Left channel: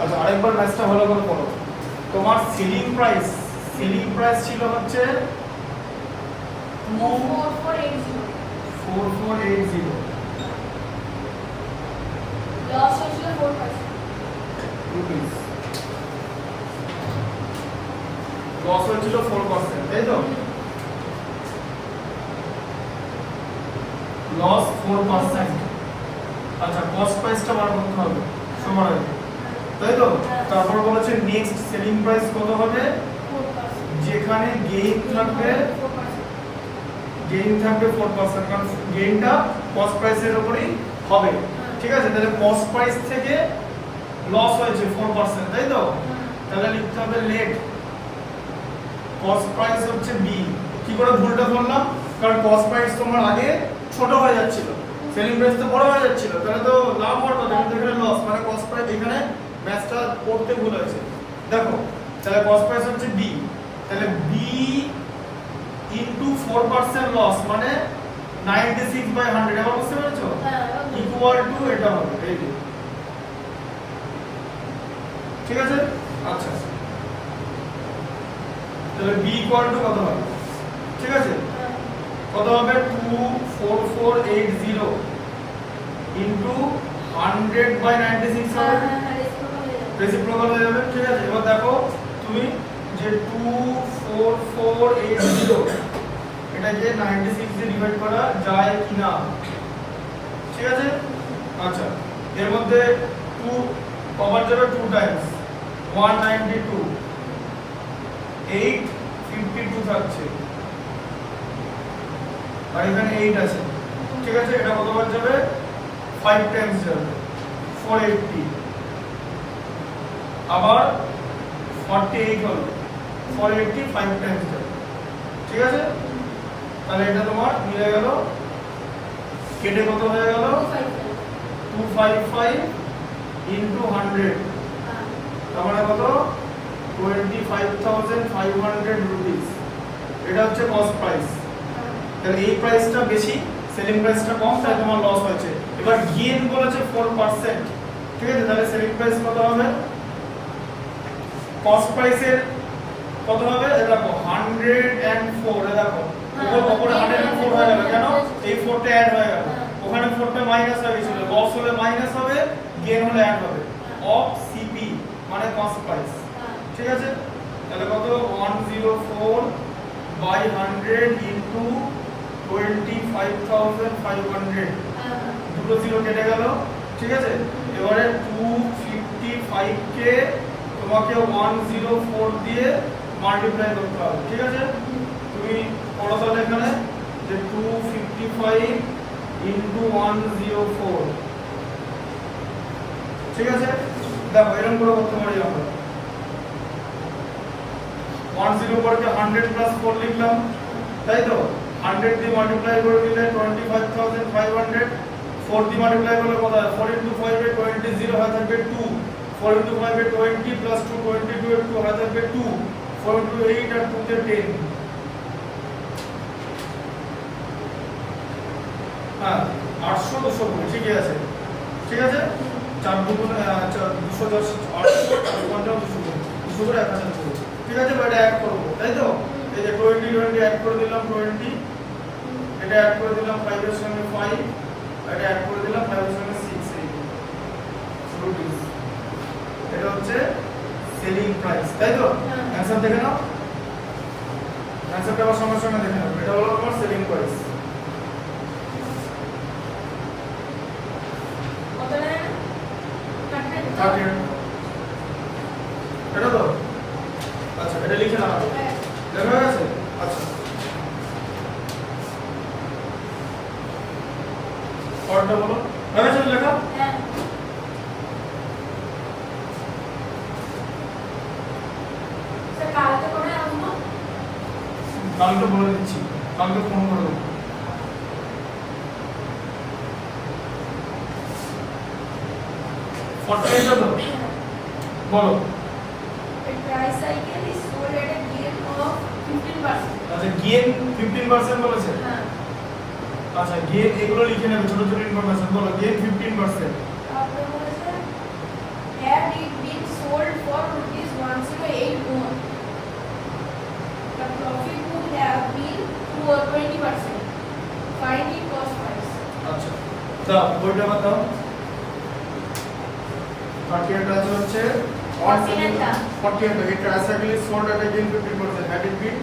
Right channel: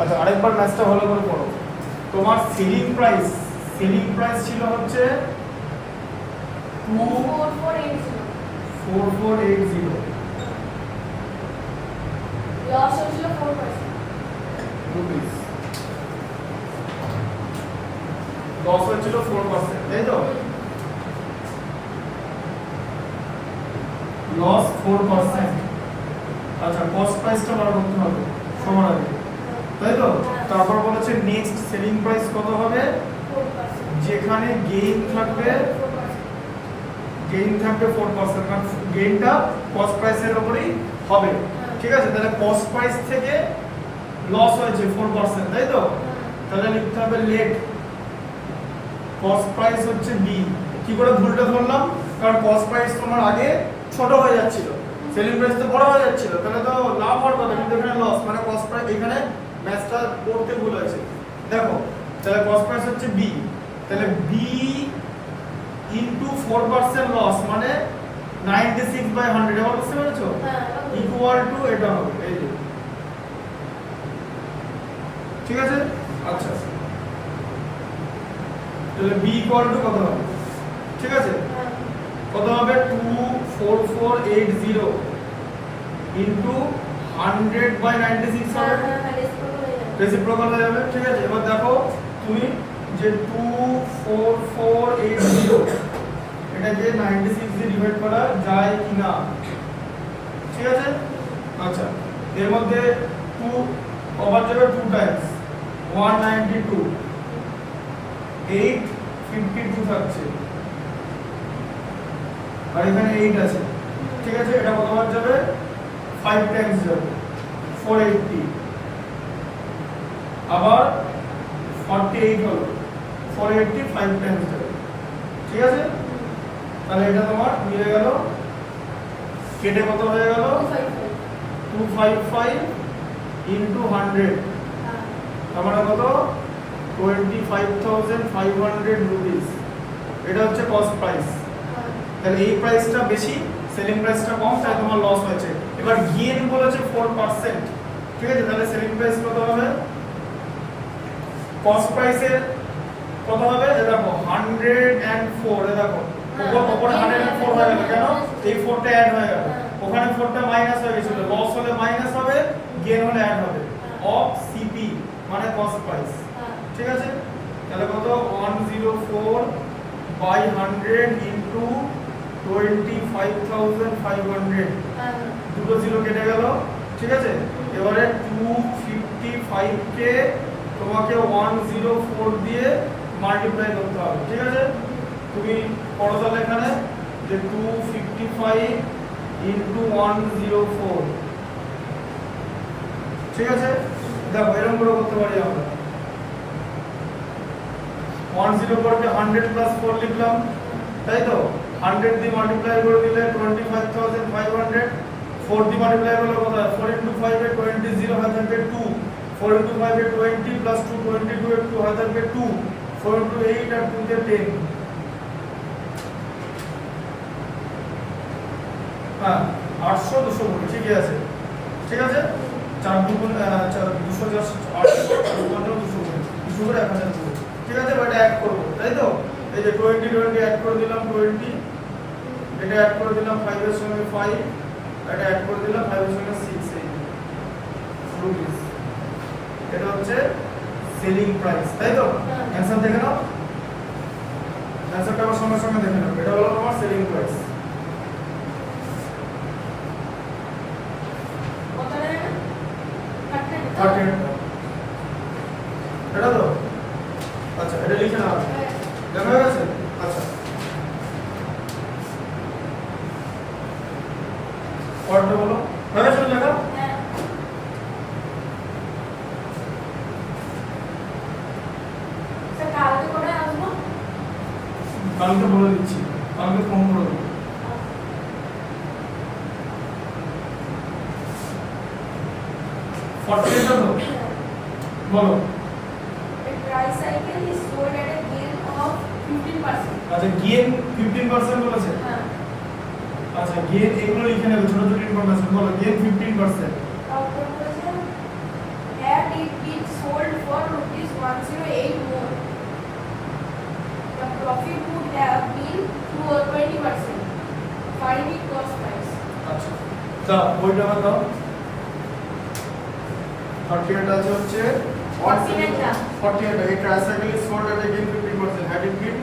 আচ্ছা আরেকবার ম্যাথটা ভালো করে করো। তোমার সেলিং প্রাইস ছিল হচ্ছে 4480 লস হয়েছিল 4%। রুপিস। লস হয়েছিল 4%, তাই তো? লস 4%। আচ্ছা কস্ট প্রাইসটা বার করতে হবে সবার আগে, তাই তো? তারপর বলেছে নেক্সট সেলিং প্রাইস কত হবে? 4%। যেখানে গেইন থাকবে 4%, কারণ গেইনটা কস্ট প্রাইসের উপরেই হবে। ঠিক আছে, তাহলে কস্ট প্রাইস থেকে লস হয়েছে 4%, তাই তো? তাহলে লিখতে হবে লেট কস্ট প্রাইস হচ্ছে বি। কি করে ভুলটা ধরলাম? কারণ কস্ট প্রাইস তোমার আগে ছোট হয়ে যাচ্ছিল, সেলিং প্রাইস তো বড় হয়ে যাচ্ছিল, তাহলে তো লাভ হওয়ার কথা, কিন্তু এখানে লস, মানে কস্ট প্রাইস এখানে ম্যাথটা করতে ভুল হয়েছে। দেখো তাহলে কস্ট প্রাইস হচ্ছে বি, তাহলে বি ইনটু 4% লস মানে 96/100, এবার বুঝতে পেরেছো? ইকুয়াল টু এটা হবে এই যে, ঠিক আছে? আচ্ছা তাহলে বি ইকুয়াল টু কত হবে? ঠিক আছে, কত হবে? 24480 ইনটু 100/96 হবে, রেসিপ্রোকাল হয়ে যাবে। ঠিক আছে, এবার দেখো তুমি যে 24480 এটা যে 96 দিয়ে ডিভাইড করা যায় কিনা, ঠিক আছে? আচ্ছা এর মধ্যে 2 ওভার যাবে 2 টাইমস 192, 852 থাকছে, আর এখানে 8 আছে। ঠিক আছে, এটা কতবার যাবে? 5 টাইমস যাবে 480, আবার 48 হলো 480 5 টাইমস যাবে। ঠিক আছে, তাহলে এটা তোমার মিলে গেল, কেটে কত হয়ে গেল? 255 ইনটু 100, তার মানে কত? 25,500 রুপিস। এটা হচ্ছে কস্ট প্রাইস। তাহলে এই প্রাইসটা বেশি, সেলিং প্রাইসটা কম, তাই তোমার লস হয়েছে। এবার গেইন বলেছে 4%, ঠিক আছে? তাহলে সেলিং প্রাইস কত হবে? কস্ট প্রাইসের কত হবে? দেখো 104, দেখো ওপরে 104 হয়ে গেল, কেন? এই 4টা অ্যাড হয়ে গেল, ওখানে 4টা মাইনাস হয়ে গেছিল, লস হলে মাইনাস হবে, গেইন হলে অ্যাড হবে, অফ সিপি মানে কস্ট প্রাইস। ঠিক আছে, তাহলে কত? 104/100 ইনটু 25,500, দুটো জিরো কেটে গেল। ঠিক আছে, এবারে 255 কে তোমাকে 104 দিয়ে মাল্টিপ্লাই করতে হবে। ঠিক আছে, তুমি পড়ো তাহলে এখানে যে 255 ইনটু 104। ঠিক আছে, দেখো এরকম করে করতে পারি আমরা। 104 কে 100 প্লাস 4 লিখলাম, তাই তো? 100 দিয়ে মাল্টিপ্লাই করে দিলে 25,500, 4 দিয়ে মাল্টিপ্লাই করলে কত হয়? 4 ইনটু 5 এ 20 0 হয়ে থাকবে 2, 4 ইনটু 5 এ 20 প্লাস 2 22 এ 2 হয়ে থাকবে 2, 4 ইনটু 8 আর 2 তে 10। হ্যাঁ 800 200 ঠিকই আছে। ঠিক আছে, 4 দুগুণ 200 10 800 200 করে 1000 করে। ঠিক আছে, এটা অ্যাড করব, তাই তো? এই যে 20 অ্যাড করে দিলাম 20, এটা অ্যাড করে দিলাম 5 এর সঙ্গে 5, এটা অ্যাড করে দিলাম 5 এর সঙ্গে 6 রুপিস। এটা হচ্ছে সেলিং প্রাইস, তাই তো? অ্যানসার দেখে নাও, অ্যানসারটা আমার সঙ্গে সঙ্গে দেখে নাও। এটা হলো তোমার সেলিং প্রাইস। এটা তো আচ্ছা, এটা লিখে নাও, দেখা হয়ে গেছে? আচ্ছা পড়তে বলো, হয়ে গেছে লেখা? কালকে বলে দিচ্ছি, কালকে ফোন করে দেবো। ফর্টিটা তো বলো। Price cycle is sold at a gain of 15%. আচ্ছা গেইন 15% বলেছে। হ্যাঁ, আচ্ছা গেইন এগুলো লিখে নেবে, ছোট ছোট ইনফরমেশন বলো। গেইন 15%, তারপর বলেছে that it means দাও বইটা আবার দাও। ফরটিনেট আছে হচ্ছে 48 এই tricycle is sold at gain 15%, had it been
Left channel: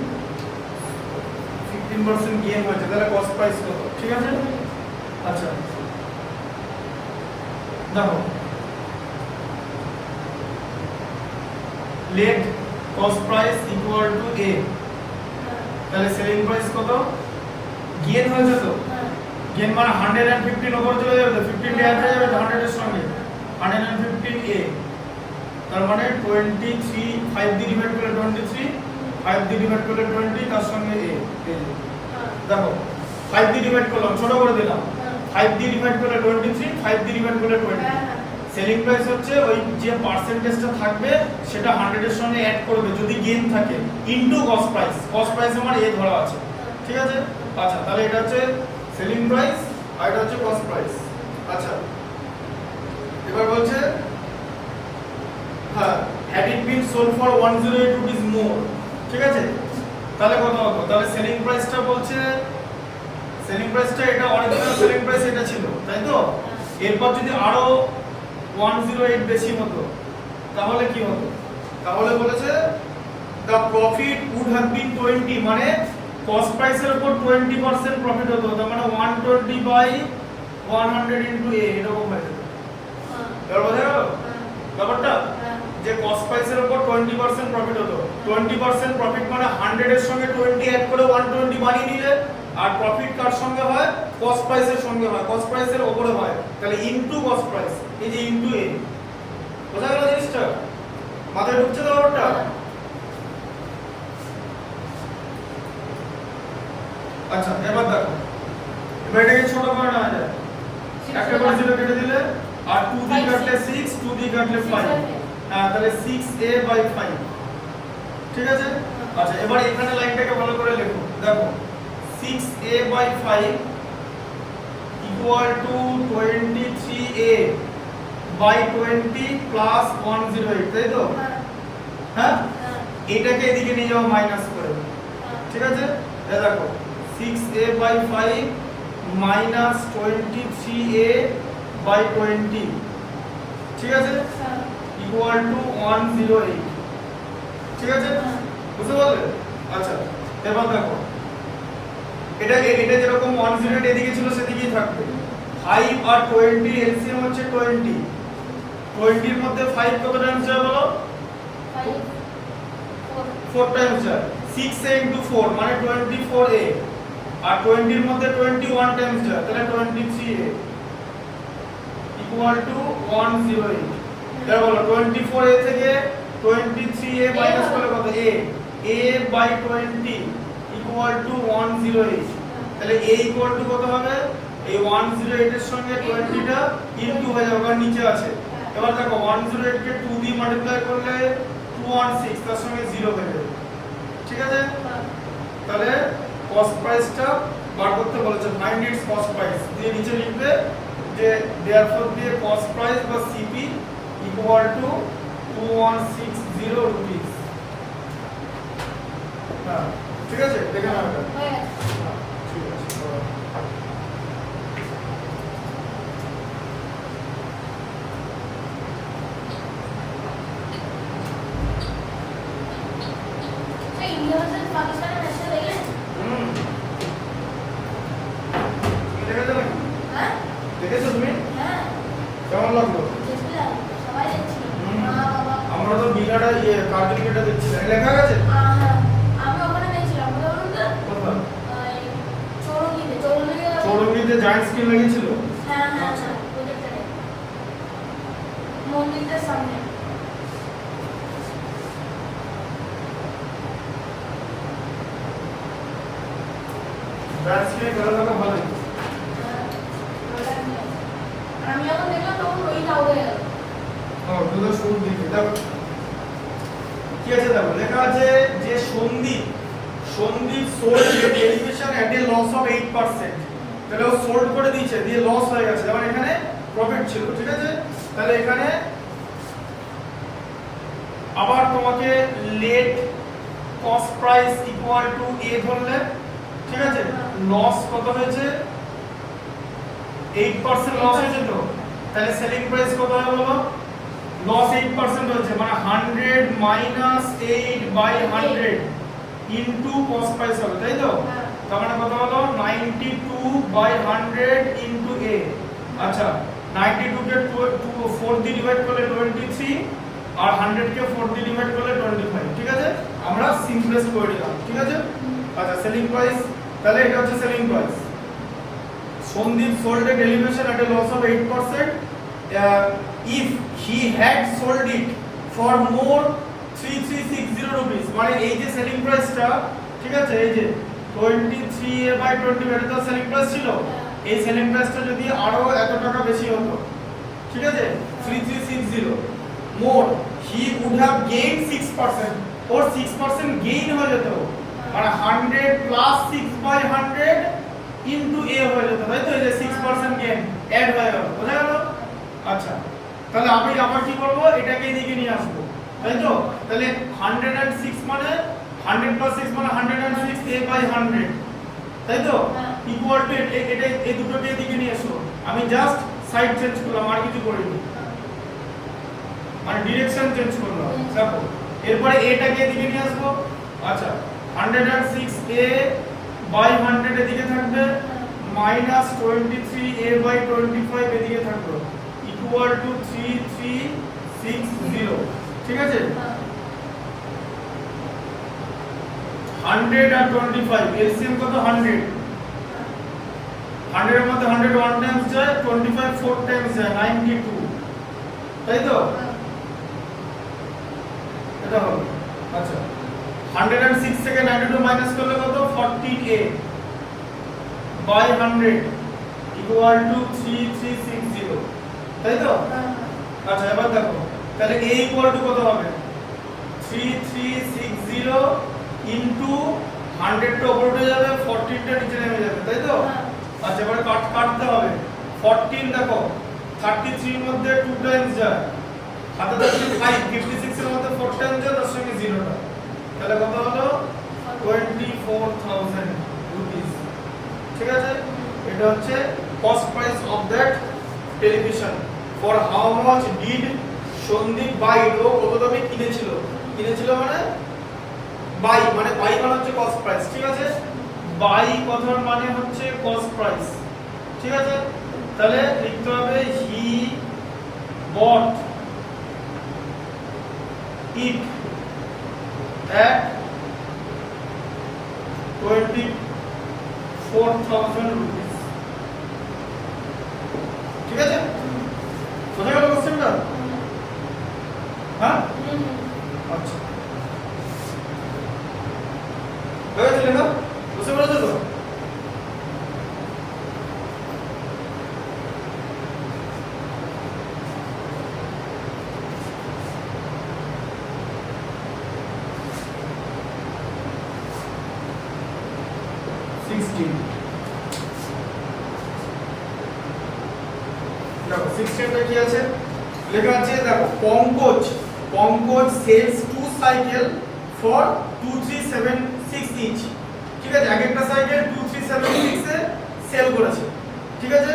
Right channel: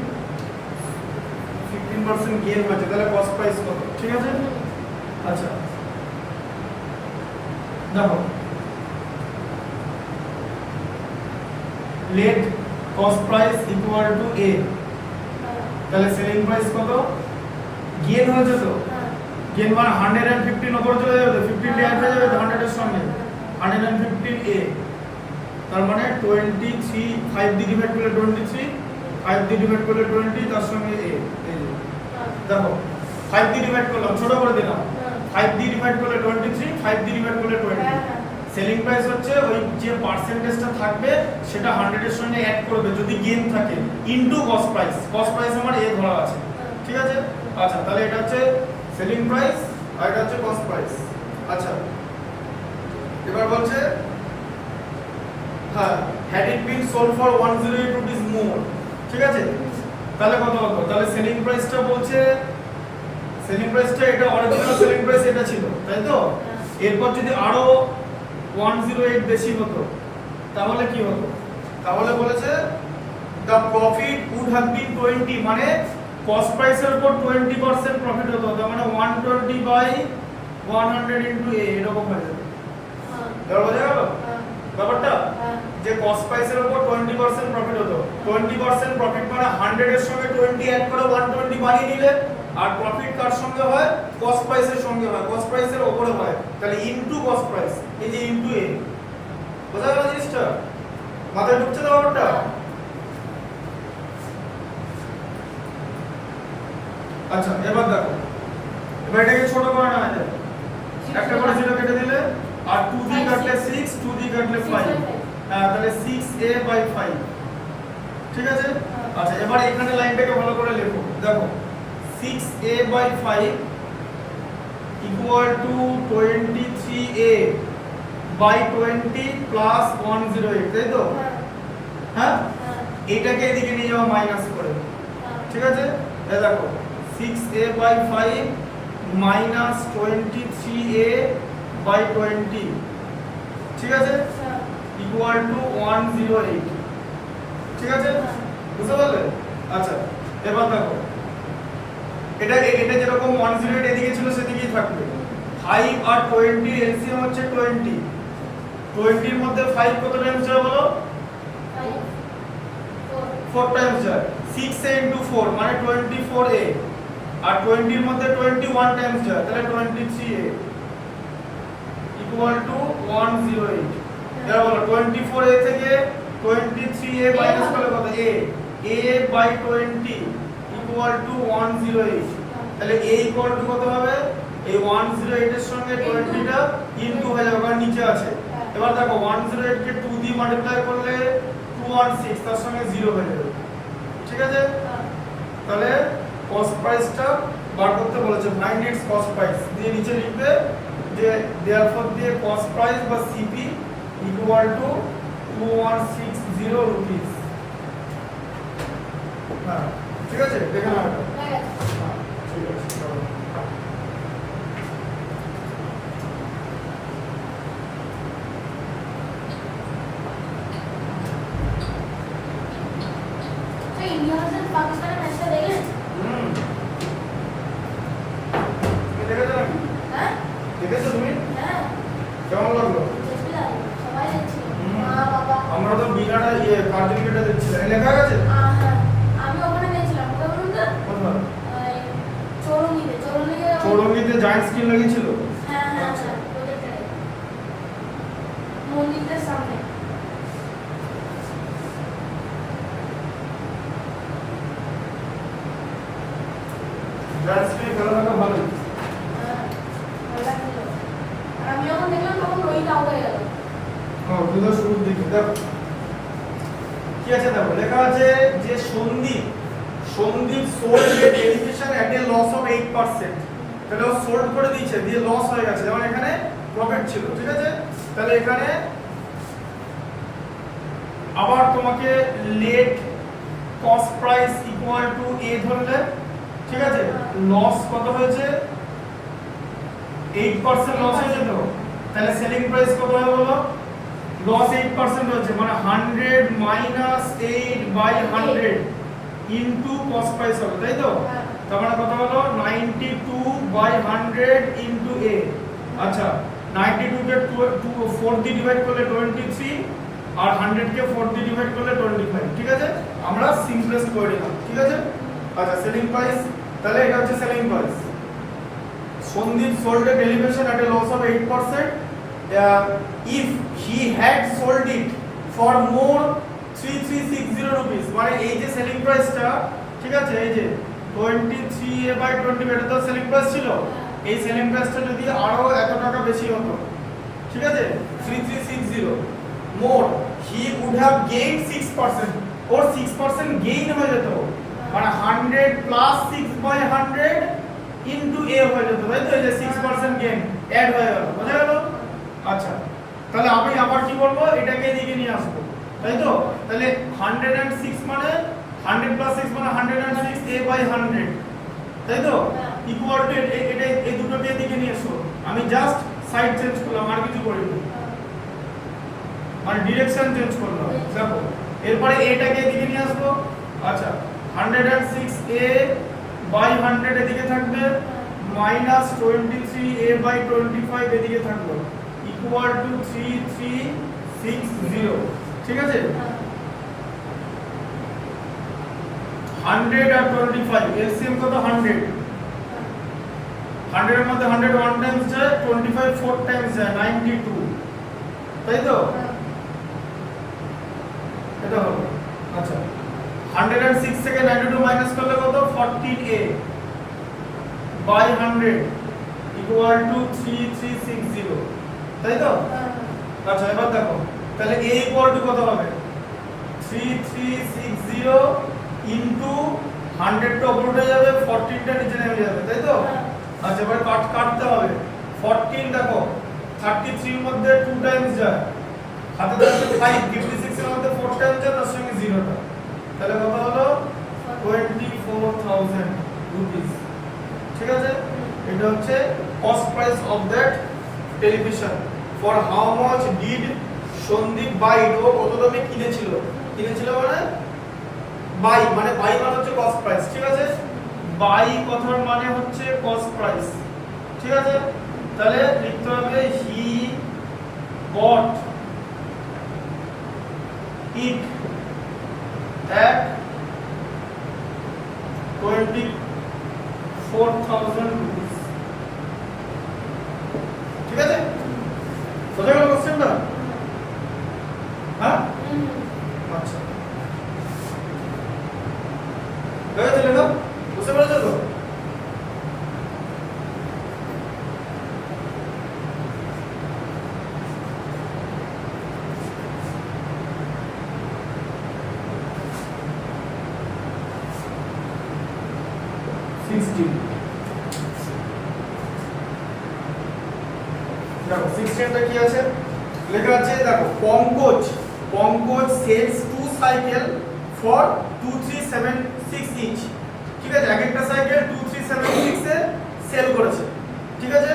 15% gain হয়েছে, তাহলে কস্ট প্রাইস কত? ঠিক আছে। আচ্ছা দেখো let cost price equal to a, তাহলে সেলিং প্রাইস কত? গেইন হয়েছে তো, গেইন মানে 115 উপরে চলে যাবে, 15 অ্যাড হয়ে যাবে 100 এর সঙ্গে, 115 এ, তার মানে 23 5 দিয়ে ডিভাইড করলে 23, 5 দিয়ে ডিভাইড করলে 20, তার সঙ্গে এ। এই যে দেখো 5 দিয়ে ডিভাইড করলাম, ছোট করে দিলাম, 5 দিয়ে ডিভাইড করলে 23, 5 দিয়ে ডিভাইড করলে 20। সেলিং প্রাইস হচ্ছে ওই যে পার্সেন্টেজটা থাকবে সেটা 100 এর সঙ্গে অ্যাড করবে যদি গেইন থাকে, into cost price. Cost price আমার এ ধরা আছে, ঠিক আছে। আচ্ছা তাহলে এটা হচ্ছে সেলিং প্রাইস আর এটা হচ্ছে কস্ট প্রাইস। আচ্ছা এবার বলছে হ্যাঁ had it been sold for 108 rupees more, ঠিক আছে। তাহলে কত হতো? তাহলে সেলিং প্রাইসটা বলছে, সেলিং প্রাইসটা এটা অরিজিনাল সেলিং প্রাইস এটা ছিল, তাই তো। এরপর যদি আরো 108 বেশি হতো তাহলে কি হতো? তাহলে বলেছে the profit would have been 20, মানে কস্ট প্রাইসের উপর 20% প্রফিট হতো, তার মানে 120 বাই 100 ইনটু a, এরকম হয়ে যেত। এবার বোঝা গেল ব্যাপারটা, যে কস্ট প্রাইসের উপর 20% প্রফিট হতো, 20% প্রফিট মানে 100 এর সঙ্গে 20 অ্যাড করে 120 বানিয়ে নিলে, আর প্রফিট কার সঙ্গে হয়? কস্ট প্রাইসের সঙ্গে হয়, কস্ট প্রাইসের উপরে হয়, তাহলে ইনটু কস্ট প্রাইস, এই যে ইনটু এ। বোঝা গেল জিনিসটা? মাথায় ঢুকছে তো ব্যাপারটা? আচ্ছা এবার দেখো, এবার এটাকে ছোট করে নেওয়া যায়, একটা করে 0 কেটে দিলে, আর 2 দিয়ে কাটলে 6, 2 দিয়ে কাটলে 5, হ্যাঁ তাহলে 6a বাই 5, ঠিক আছে। আচ্ছা এবার এখানে লাইনটাকে ভালো করে লেখো, দেখো 6a by 5 equal to 23a by 20 plus 108, তাই তো? হ্যাঁ এটাকে এদিকে নিয়ে যাও মাইনাস করে, ঠিক আছে। এই দেখো 6a by 5 minus 23a by 20, ঠিক আছে, ইকুয়াল টু 108, ঠিক আছে, বুঝতে পারলে? আচ্ছা এবার দেখো এটা এটা যেরকম 108 এদিকে ছিল সেদিকেই থাকবে, 5 আর 20 এলসিএম হচ্ছে 20, 20 এর মধ্যে 5 কত টাইমস যায় বলো? 4 টাইমস যায়, 6a ইনটু 4 মানে 24a, আর 20 এর মধ্যে 21 টাইমস যায়, তাহলে 23a ইকুয়াল টু 108। এবার বলো 24a থেকে 23a মাইনাস করলে কত? a বাই 20 ইকুয়াল টু 108, তাহলে a ইকুয়াল টু কত হবে? এই 108 এর সঙ্গে 20 টা ইনটু হয়ে যাবে, কারণ নিচে আছে। এবার দেখো 108 কে 2 দিয়ে মাল্টিপ্লাই করলে 216, তার সঙ্গে 0 হয়ে যাবে, ঠিক আছে। তাহলে কস্ট প্রাইসটা বার করতে বলেছে, ফাইন্ড ইটস কস্ট প্রাইস, দিয়ে নিচে লিখবে যে দেয়ারফর দিয়ে কস্ট প্রাইস বা সিপি ইকুয়াল টু 2160 রুপিস। হ্যাঁ ঠিক আছে, দেখে নাও এটা। হ্যাঁ ঠিক আছে। দেখেছো তুমি? কেমন লাগলো? আমরা তো বিনাটা কার্টুনটা দেখছি, লেখা গেছে? আমি ওখানে দেখছিলাম, কোথায় বলুন তো? কোথায়? চৌরঙ্গিতে চৌরঙ্গিতে জায়ান্ট স্ক্রিন লাগিয়েছিল? হ্যাঁ হ্যাঁ ওদেরটাই, মন্দিরটার সামনে। জায়ান্ট স্ক্রিন গেলে তো ভালোই। আমি যখন দেখলাম তখন ওই নাও হয়ে গেল। দুটো শুরু দেখি দাও কি আছে, দেখো লেখা আছে যে Sandeep sold a derivation at a loss of 8%, তাহলে ও সোল্ড করে দিয়েছে, দিয়ে লস হয়ে গেছে, যেমন এখানে প্রফিট ছিল, ঠিক আছে। তাহলে এখানে আবার তোমাকে let cost price equal to a ধরলে, ঠিক আছে, লস কত হয়েছে 8% লস হয়েছে তো, তাহলে সেলিং প্রাইস কত হবে বলো? লস 8% হচ্ছে, মানে 100 minus 8 by 100 into cost price হবে, তাই তো? তার মানে কত হলো? 92 বাই 100 ইনটু a। আচ্ছা, 92 কে 4 দিয়ে ডিভাইড করলে 23, আর 100 কে 4 দিয়ে ডিভাইড করলে 25। ঠিক আছে, আমরা সিম্পলেস্ট করে দিলাম। ঠিক আছে, আচ্ছা সেলিং প্রাইস, তাহলে এটা হচ্ছে selling price. Sandeep sold a television at a loss of 8%. If he had sold it for more 3360 rupees, মানে এই যে সেলিং প্রাইসটা, ঠিক আছে, এই যে 23/20 এটা তো সেলিং প্রাইস ছিল, এই সেলিং প্রাইসটা যদি আরো এত টাকা বেশি হতো, ঠিক আছে, 3360 more, he would have gained 6%, or 6% gain হয়ে যেত, মানে 100 প্লাস 6/100 ইনটু a হয়ে যেত, তাই তো? এই যে 6% গেইন অ্যাড হয়ে গেল, বোঝা গেল? আচ্ছা, তাহলে আমি আবার কি করব? এটাকে এদিকে নিয়ে আসবো, তাই তো? তাহলে 106 মানে 100 প্লাস 6 মানে 106 a/100, তাই তো? ইকুয়াল টু এটা, এই দুটোকে এদিকে নিয়ে এসো। আমি জাস্ট সাইড চেঞ্জ করলাম, আর কিছু করিনি, মানে ডিরেকশন চেঞ্জ করলাম। দেখো, এরপরে এটাকে এদিকে নিয়ে আসবো। আচ্ছা, 106 a/100 এদিকে থাকবে, মাইনাস 23 a/25 এদিকে থাকলো, ইকুয়াল টু 3360। ঠিক আছে, 100 আর 25 এলসিএম কত? 100। 100 এর মধ্যে 100 1 টাইমস যায়, 25 4 টাইমস যায়, 92, তাই তো? এটা হবে। আচ্ছা, 106 থেকে 92 মাইনাস করলে কত? 14a বাই 100 ইকুয়াল টু 3360, তাই তো? আচ্ছা, এবার দেখো, তাহলে a ইকুয়াল টু কত হবে? 3360 ইনটু 100 টা উপরে উঠে যাবে, 14 টা নিচে নেমে যাবে, তাই তো? আচ্ছা, এবার কাটতে হবে। 14 দেখো 33 এর মধ্যে 2 টাইমস যায়, হাতে থাকছে 5, 56 এর মধ্যে 4 টাইমস যায়, তার সঙ্গে 0 টা, তাহলে কত হলো? 24,000 রুপিস। ঠিক আছে, এটা হচ্ছে cost price of that television. For how much did Sandeep buy it? ও কত দামে কিনেছিল? মানে বাই মানে হচ্ছে কস্ট প্রাইস। ঠিক আছে, বাই কথার মানে হচ্ছে কস্ট প্রাইস। ঠিক আছে, তাহলে লিখতে হবে হি বট ইট at 24,000 rupees। ঠিক আছে, বোঝা গেল কোশ্চেনটা? হ্যাঁ, আচ্ছা, হয়ে গেল না? বুঝতে পারছো তো? দেখো 16 কি আছে লেখা আছে, দেখো Pankaj sells 2 cycle for 2376 each. ঠিক আছে, এক একটা সাইকেল 2376 এ সেল করেছে। ঠিক আছে,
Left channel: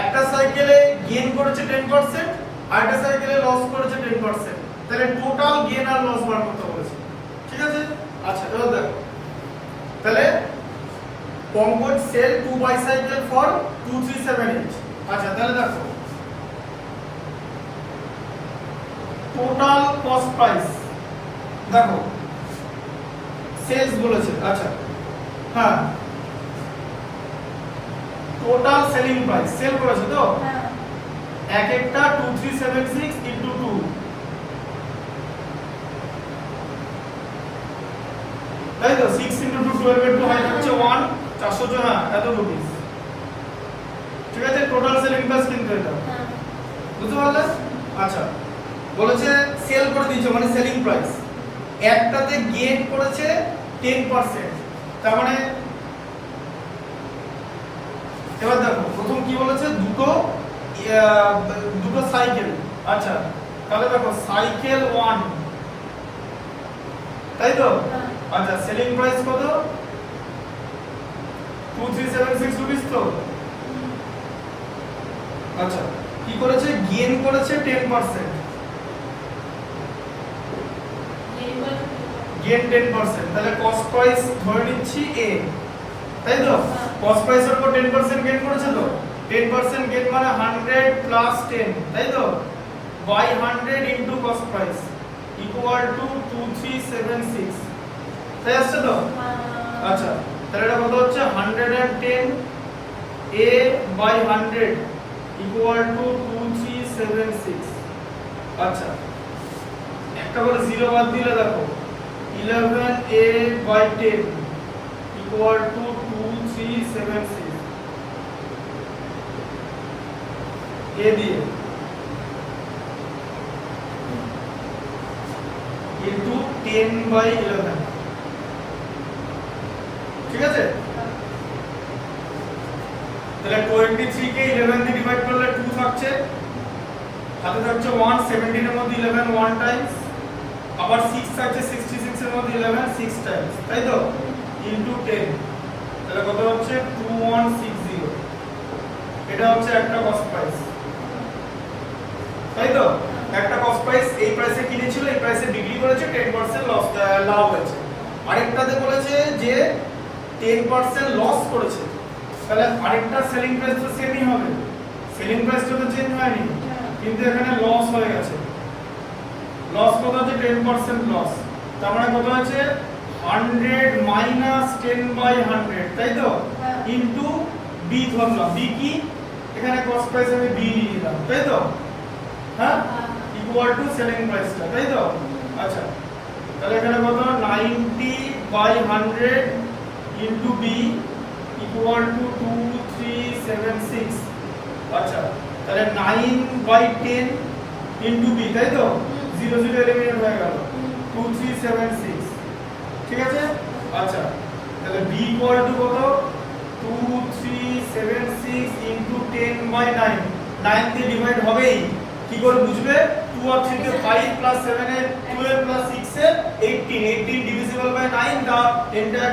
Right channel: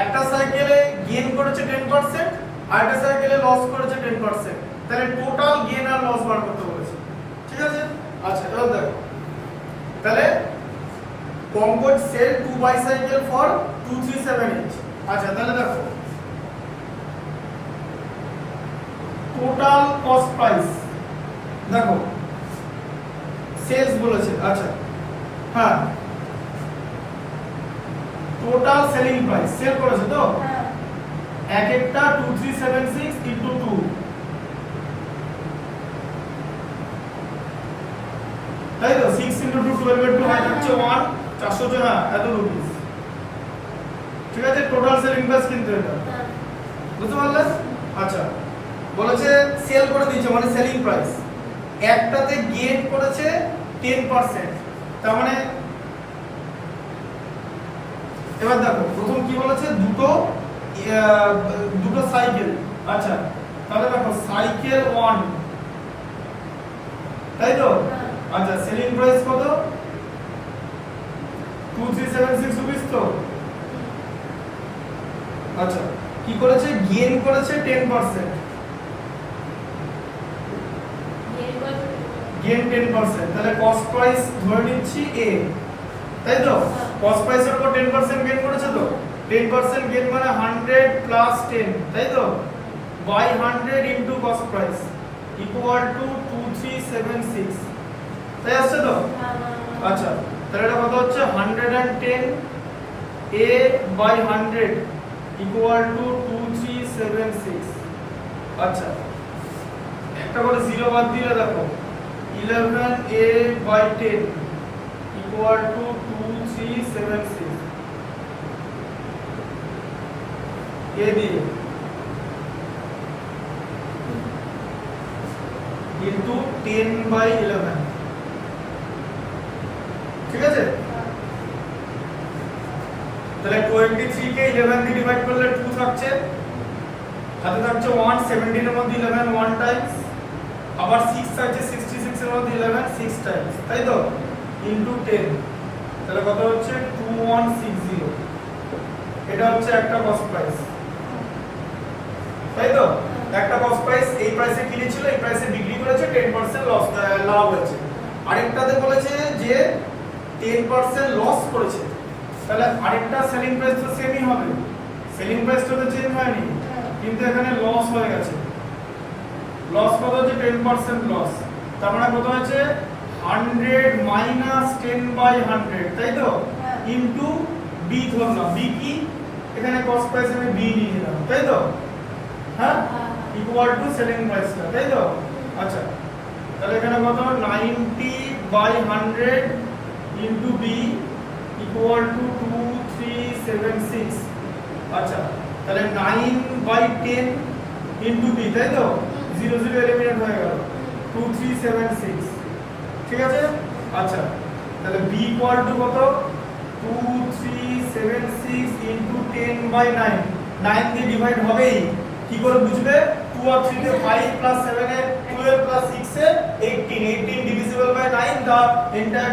একটা সাইকেলে গেইন করেছে 10%, আর একটা সাইকেলে লস করেছে 10%, তাহলে টোটাল গেইন আর লস বার করতে বলেছে। ঠিক আছে, আচ্ছা, এবার দেখো, তাহলে Pankaj sell 2 bicycle for 237 each. আচ্ছা, তাহলে দেখো টোটাল কস্ট প্রাইস, দেখো সেলস বলেছে। আচ্ছা, হ্যাঁ, টোটাল সেলিং প্রাইস সেল করেছে তো, এক একটা 2376 ইনটু 2, তাই তো? 6 ইনটু 2 12 এর 2 হয় হচ্ছে 1 400 হ্যাঁ এত রুপিস। ঠিক আছে, টোটাল সেলিং প্রাইস কিন্তু এটা, বুঝতে পারলে? আচ্ছা, বলেছে সেল করে দিয়েছে মানে সেলিং প্রাইস, একটাতে গেইন করেছে 10%, তার মানে এবার দেখো প্রথম কি বলেছে? দুটো সাইকেল। আচ্ছা, তাহলে দেখো সাইকেল 1, তাই তো? আচ্ছা, সেলিং প্রাইস কত? 2376 রুপিস তো, আচ্ছা কি করেছে গেইন করেছে 10%, গেইন 10%, তাহলে কস্ট প্রাইস ধরে নিচ্ছি a, তাই তো কস্ট প্রাইসের উপর 10% গেইন করেছে, তো 10% গেইন মানে 100 প্লাস 10, তাই তো by 100 into cost price equal to 2376, তাই আসছে তো। আচ্ছা তাহলে এটা কত হচ্ছে 110 a বাই 100 ইকুয়াল টু 2376। আচ্ছা একটা করে জিরো বাদ দিলে দেখো 11 a by 10 equal to 2376 a দিয়ে ইনটু 10 বাই 11, ঠিক আছে। তাহলে 23 কে 11 দিয়ে ডিভাইড করলে 2 থাকছে, হাতে থাকছে 1, 17 এর মধ্যে 11 1 টাইমস, আবার 6 থাকছে 66 এর মধ্যে 11 6 টাইমস, তাই তো ইনটু 10, তাহলে কত হচ্ছে 2160। এটা হচ্ছে একটা কস্ট প্রাইস, তাই তো একটা কস্ট প্রাইস এই প্রাইসে কিনেছিল, এই প্রাইসে বিক্রি করেছে, 10% লস লাভ হয়েছে। আরেকটাতে বলেছে যে 10% লস করেছে, তাহলে আরেকটা সেলিং প্রাইস তো সেমই হবে, সেলিং প্রাইসটা তো চেঞ্জ হয়নি, কিন্তু এখানে লস হয়ে গেছে। লস কত হচ্ছে 10% লস, তার মানে কত হচ্ছে 100 মাইনাস 10 বাই 100, তাই তো ইনটু বি ধরলাম, বি কি এখানে কস্ট প্রাইস আমি বি নিয়ে নিলাম, তাই তো হ্যাঁ ইকুয়াল টু সেলিং প্রাইসটা, তাই তো। আচ্ছা তাহলে এখানে কত 90 by 100 into B equal to 2376। আচ্ছা তাহলে 9 বাই 10 ইনটু বি, তাই তো 0 0 এলিমিনেট হয়ে গেল 2376, ঠিক আছে। আচ্ছা তাহলে বি ইকুয়াল টু কত 2376 ইনটু 10 বাই 9, 9 দিয়ে ডিভাইড হবেই, কি করে বুঝবে 2 আর 3 তে 5 প্লাস 7 এর 12 প্লাস 6 এর 18, 18 divisible by 9, the entire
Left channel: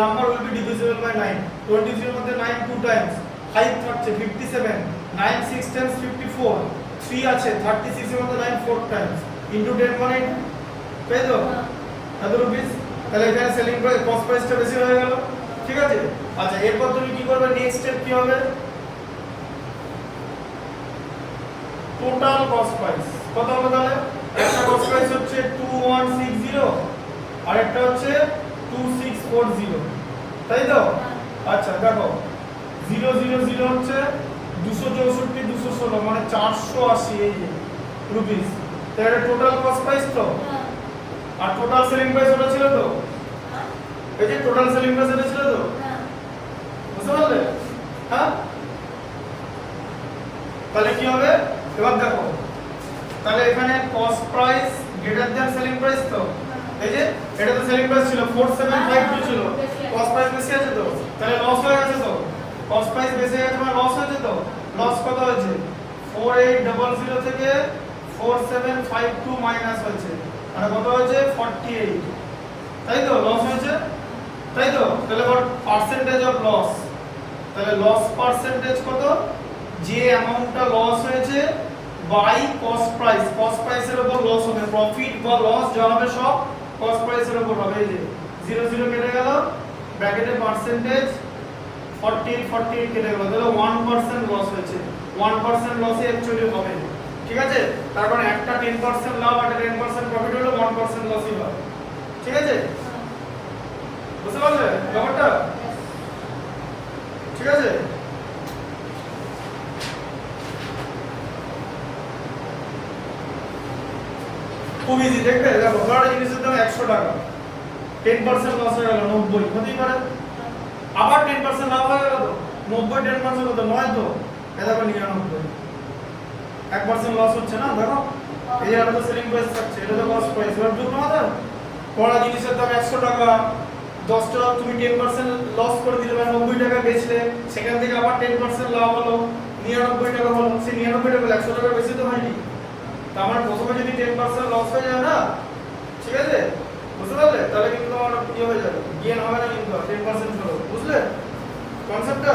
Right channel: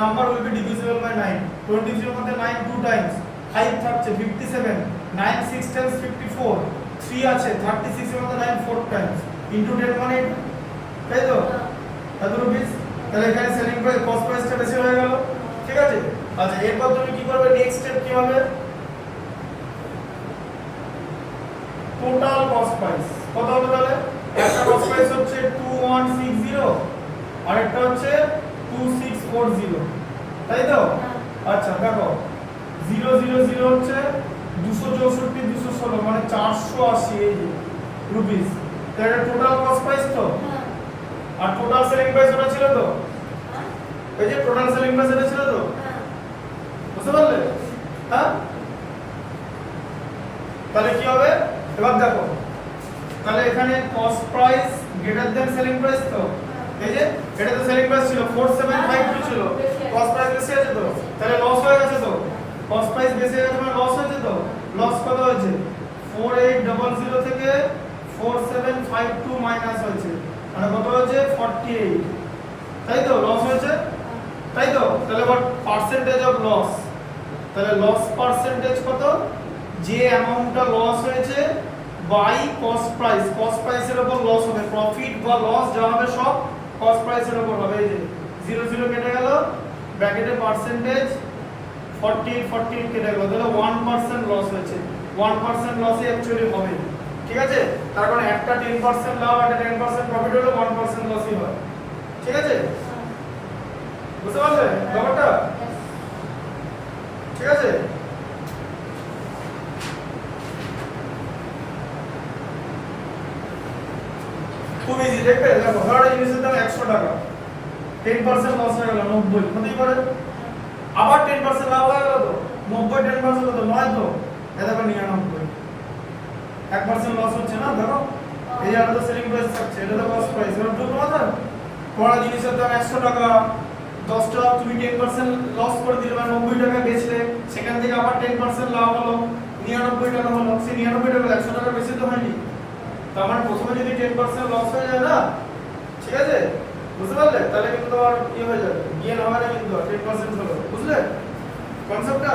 number will be divisible by 9, 23 এর মধ্যে 9 2 times, 5 থাকছে 57, 9 6 times 54, 3 আছে 36 এর মধ্যে 9 4 times into 10 মানে তাই তো এত রুপিস। তাহলে এখানে সেলিং প্রাইস কস্ট প্রাইসটা বেশি হয়ে গেল, ঠিক আছে। আচ্ছা এরপর তুমি কি করবে, নেক্সট স্টেপ কি হবে, টোটাল কস্ট প্রাইস কত হবে, তাহলে একটা কস্ট প্রাইস হচ্ছে 2160 আর একটা হচ্ছে 2640, তাই তো। আচ্ছা দেখো 000 হচ্ছে 264 216 মানে 480 এই যে রুপিস, তাহলে এটা টোটাল কস্ট প্রাইস তো। আর টোটাল সেলিং প্রাইস ওটা ছিল তো, এই যে টোটাল সেলিং প্রাইস এটা ছিল তো, বুঝতে পারলে হ্যাঁ। তাহলে কি হবে এবার দেখো, তাহলে এখানে cost price greater than selling price তো, এই যে এটা তো সেলিং প্রাইস ছিল 4752 ছিল, কস্ট প্রাইস বেশি আছে তো, তাহলে লস হয়ে গেছে তো, কস্ট প্রাইস বেশি হয়ে তোমার লস হয়েছে তো। লস কত হয়েছে 4800 থেকে 4752 মাইনাস হয়েছে, মানে কত হয়েছে 48, তাই তো লস হয়েছে, তাই তো। তাহলে এবার পার্সেন্টেজ অফ লস, তাহলে লস পার্সেন্টেজ কত, যে অ্যামাউন্টটা লস হয়েছে বাই কস্ট প্রাইস, কস্ট প্রাইসের উপর লস হবে, প্রফিট বা লস যা হবে সব কস্ট প্রাইসের উপর হবে। এই যে 0 0 কেটে গেল, ব্র্যাকেটে পার্সেন্টেজ 48 48 কেটে গেল, তাহলে 1% লস হয়েছে, 1% লসে অ্যাকচুয়ালি হবে, ঠিক আছে। তার কারণে একটা 10% লাভ আর 10% প্রফিট হলো 1% লসই হয়, ঠিক আছে। বুঝতে পারলে ব্যাপারটা, ঠিক আছে। খুব ইজি দেখবে, দেখো ধরো জিনিসের দাম 100 টাকা, 10% লস হয়ে গেল 90, হতেই পারে। আবার 10% লাভ হয়ে গেল তো 90, 10% কত 9 তো, এটা করে 99, 1% লস হচ্ছে না। দেখো এই এটা তো সেলিং প্রাইস থাকছে, এটা তো কস্ট প্রাইস। এবার দুটো কথা, পড়া জিনিসের দাম 100 টাকা, 10 টাকা তুমি 10% লস করে দিলে, 90 টাকা গেছিলে, সেখান থেকে আবার 10% লাভ হলো 99 টাকা হলো, সেই 99 টাকা 100 টাকা বেশি তো হয়নি। তো আমার প্রথমে যদি 10% লস হয়ে যায় না, ঠিক আছে, বুঝতে পারলে, তাহলে কিন্তু তোমার কি হয়ে যাবে, গেইন হবে না, কিন্তু 10% হলো, বুঝলে কনসেপ্টটা।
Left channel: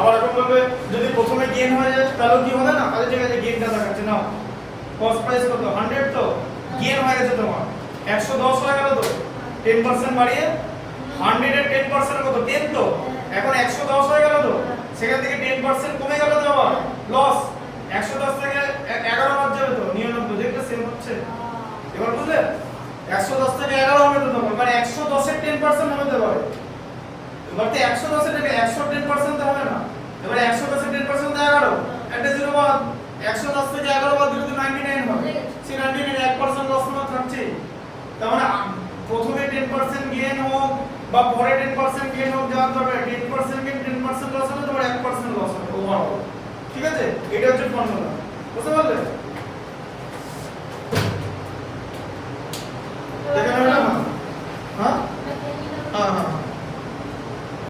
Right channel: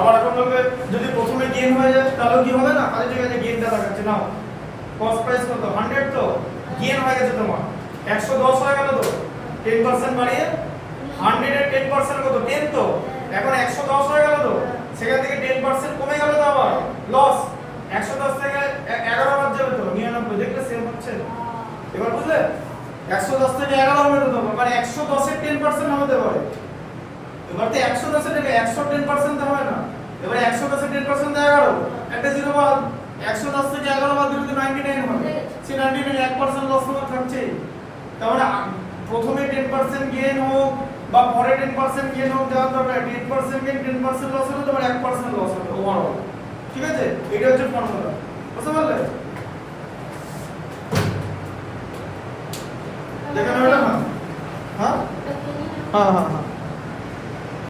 আবার এখন বলবে যদি প্রথমে গেইন হয়ে যায় তাহলে কি হবে না? আরে ঠিক আছে গেইনটা দেখাচ্ছে নাও। কস্ট প্রাইস কত 100 তো গেইন হয়ে গেছে তোমার 110 হয়ে গেল তো 10% বাড়িয়ে 100 এর 10% কত 10 তো এখন 110 হয়ে গেল তো সেখান থেকে 10% কমে গেল তো আবার লস 110 থেকে 11 বাদ যাবে তো 99 দেখলে সেম হচ্ছে এবার বুঝলে 110 থেকে 11 হবে তো তোমার মানে 110 এর 10% হবে তো এবার এবার তো 110 থেকে 100 10% তো হবে না এবার 110 এর 10% তো 11 একটা জিরো বাদ 110 থেকে 11 বাদ দিলে তো 99 হবে সে 99 1% লস হয়ে থাকছে তার মানে প্রথমে 10% গেইন হোক বা পরে 10% গেইন হোক জানতে হবে 10% গেইন 10% লস হলে তোমার 1% লস হবে ওভারঅল ঠিক আছে এটা হচ্ছে ফর্মুলা বুঝতে পারলে দেখেন হলো না হ্যাঁ হ্যাঁ হ্যাঁ